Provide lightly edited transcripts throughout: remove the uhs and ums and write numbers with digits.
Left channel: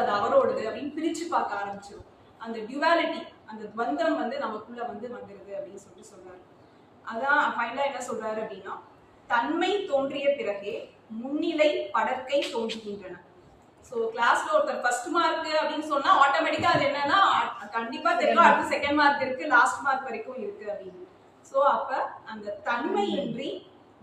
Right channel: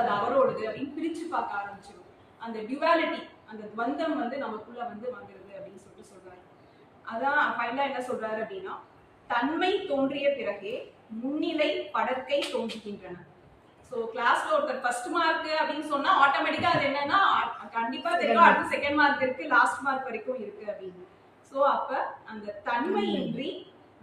அது அவரோடது அப்படின்னு பிரிச்சு பார்க்க ஆரம்பிச்சிடும். அந்த டியூவாலிட்டி, அந்த துவந்தம் வந்து நமக்குள்ள வந்து வந்துருது அப்படின்னு சொல்றாரு. அதான் ஃபைனலா என்ன சொல்றாரு அப்படின்னா, தன்மை தோன்றிய பிறகே முன்னிலை படற்கை தோன்றுகின்றன. ஸோ கிளாஸ்ல ஒருத்தர் ஃபர்ஸ்ட் மார்க் அப்படின்னு சொன்னா ஆட்டோமேட்டிக்கா அது என்னன்னா கண்டிப்பா தெரியும் அடுத்து செகண்ட் மார்க் இருக்கு, லாஸ்ட் மார்க் வரைக்கும் இருக்கு அப்படின்னு. ஸோ அப்ப அந்த தன்மையின்றி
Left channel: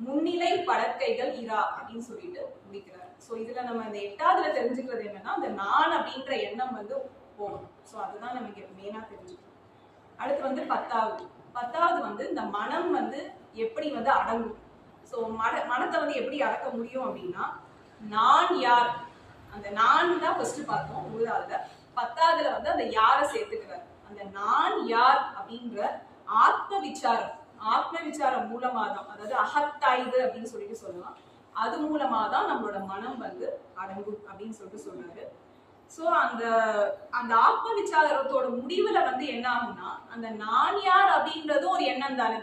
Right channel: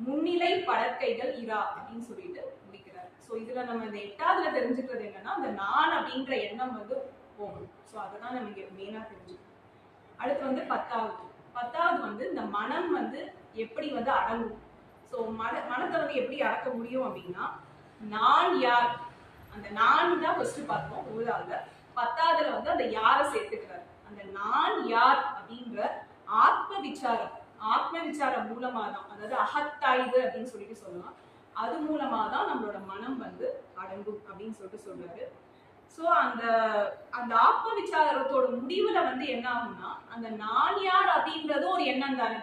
முன்னிலை படற்கைகள் இரா அப்படின்னு சொல்லிட்டு முடிக்கிறார். ஸோ இதுல நம்ம இந்த 8வதுல தெரிஞ்சுக்கிறது என்னன்னா, அந்த நான் அப்படின்ற எண்ணம் வந்து போகணும். ஸோ அதுதான் நமக்கு மெயினா தெரிஞ்சுக்கணும். அடுத்து வந்து 10வது வந்து இந்த மனம் வந்து எப்படி வந்து அடங்கும். ஸோ மனத்தை வந்து எப்படி அடக்க முடியும் அப்படின்னா, நான் யார், அந்த நான் தான் ஃபர்ஸ்ட் பார்த்தோம் 9வதுல. 10வதுல வந்து அந்த யாரை சேர்த்துக்கிறார். அந்த நான் யார் அப்படின்ற ஆத்ம விசாரம் மூலமா தான், அதாவது அகத்தாய்வு அப்படின்னு சொல்லிட்டு சொல்லலாம், அது மூலமா தான் நம்மளோட மனம் வந்து அடங்கும் அப்படின்னு சொல்லிட்டு சொல்றாரு. ஸோ அந்த அந்த ஆத்ம விசாரத்தோட முடிவுல வந்து என்ன ஆகும்னா, அந்த நான் யார் அப்படின்றதும் ஒரு எண்ணம் தானே,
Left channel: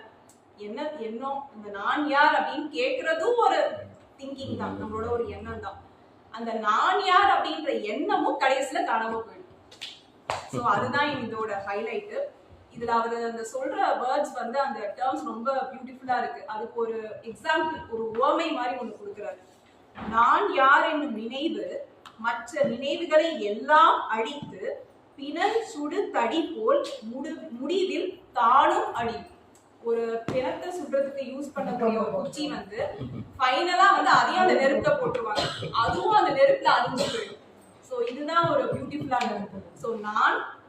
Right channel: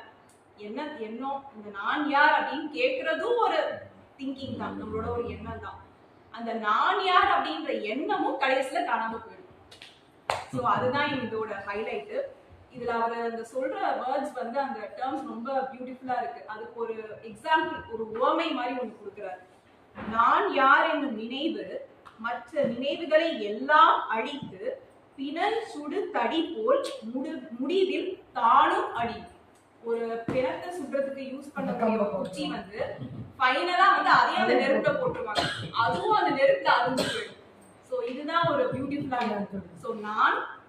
எண்ணம் அந்த நான் யார் அப்படின்னு கேட்கறதும் ஒரு திங்கிங் தான், நம்மளோட ஒரு எண்ணம் தான். அந்த நான் யார் அப்படின்ற எண்ணமும் கடைசியில காணாம போயிடும். ஸோ அதுதான் இதோட ஹைலைட். இதுல அவர் அந்த சொல்ற வேர்ட்ஸ் வந்து அந்த டேர்ம்ஸ் ரொம்ப பியூட்டிஃபுல்லா இருக்கு. அதுக்கு ஒரு எக்ஸாம்பிள், ஒரு உவமை மாதிரி ஒன்று கொடுக்குறாரு. நான் யார் என்னும் நினைவு மற்ற நினைவுகளை எல்லாம் அழித்து பிணல் சுடு தடி போல் முடிவில் தானும் அழி. ஒரு பிணத்தை சுடுறதுக்கு யூஸ் பண்ணக்கூடிய ஒரு குச்சி வந்து ஃபைனலா வந்து அதையும் அந்த நெருப்புல போட்டுருவாங்க, அதுவும் அந்த நெருப்புல அழிஞ்சு போயிடும். ஸோ இதுதான் ஒரு பியூட்டிஃபுல்லான இருக்கு. ஸோ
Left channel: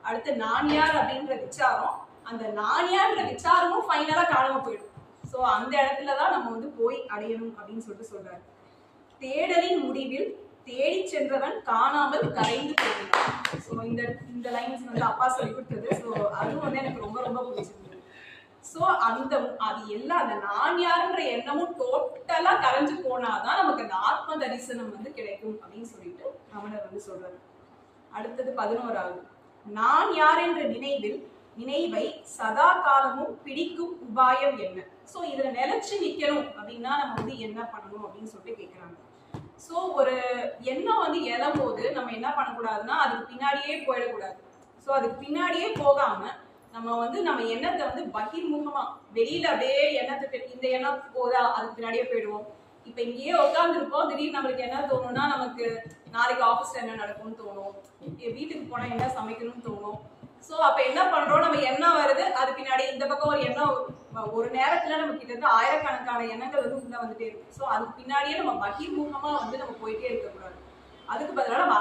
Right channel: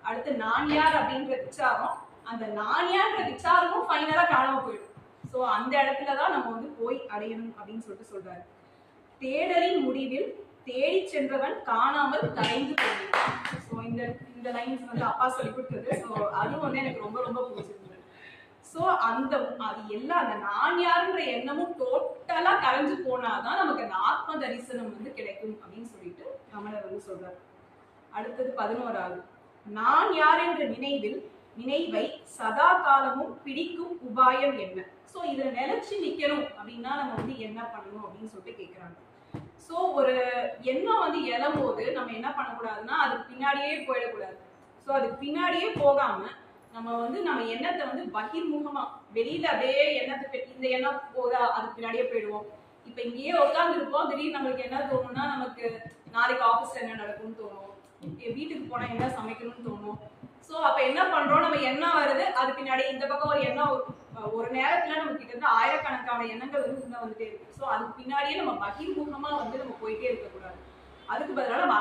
அடுத்து நான் யார் அப்படின்ற விசாரம், அந்த நான் யார்ன்ற விசாரமும் ஃபைனலா காணாம போயிடும். ஸோ அந்த இடத்துலதான் நம்ம வந்து போய் அடையணும் அப்படின்னு சொல்றாரு. தேடலின் முடிவில் தேடி சென்றவன் காணாமல் கரைந்து போகிறான். ஸோ இந்த லைன்ஸ் வந்து அப்பா சொல்லி கொடுத்தது. ஸோ அதுவும் வந்து எனக்கு ரொம்ப ரொம்ப பிடிச்சிருந்தது. ஸோ அது எல்லாம் அந்த நான் யாருன்ற எண்ணமும் டோட்டலா கரைஞ்சு போனாதான் நமக்கு அந்த ஆத்ம தரிசனம் வந்து கிடைக்கும் அப்படின்னு சொல்லிட்டு ரமணர் வந்து சொல்றாரு. அடுத்தது 11வது, நான் யார் என்ற நினைவை சதா காலமும் பிடிக்கும் உபாயம் என்ன. ஸோ இதுல நிலைச்சு நிக்கணும் அப்படின்னா நம்ம வந்து என்ன பண்ணணும் அப்படின்னு சொல்லிட்டு கேட்கிறாங்க. ஸோ ஒரு எண்ணம் வந்து எழம்போது நம்ம என்ன பண்ணக்கூடாதுன்னா அதுக்கு பின்னாடியே போயிடக்கூடாது. ஸோ அதுக்கு பின்னாடியே போகாம நம்ம எண்ணத்தை வந்து பகிர்முகமா வெளியில அப்படியே இந்த எண்ணம் போதா அதுக்கு பின்னாடியே போயிடுவோம். இப்ப இங்கேயே உட்காந்துருப்போம், திடீர்னு நம்மளுக்கு என்ன தோணும்னா, நமக்கு நாளைக்கு ஆஃபீஸ்ல என்ன நடக்கும்னு தோணும், வீட்டுக்கு போனா என்ன சமைக்கணும்னு தோணும். ஸோ அப்ப என்ன பண்றோம், நம்ம எண்ணம் வருது, அது பின்னாடி இந்த பக்கம் ஒரு எண்ணம், ஒரு நேரத்துல நம்ம கிட்ட இருந்து ஆயிரக்கணக்கான எண்ணங்கள் வந்து உள்ள வந்துட்டே இருக்கு. ஸோ அதுக்கு பின்னாடியே நம்ம பகிர்முகமா வந்து நம்ம போயிட்டே இருக்கக்கூடாது. அதுக்கு பதிலாக நம்ம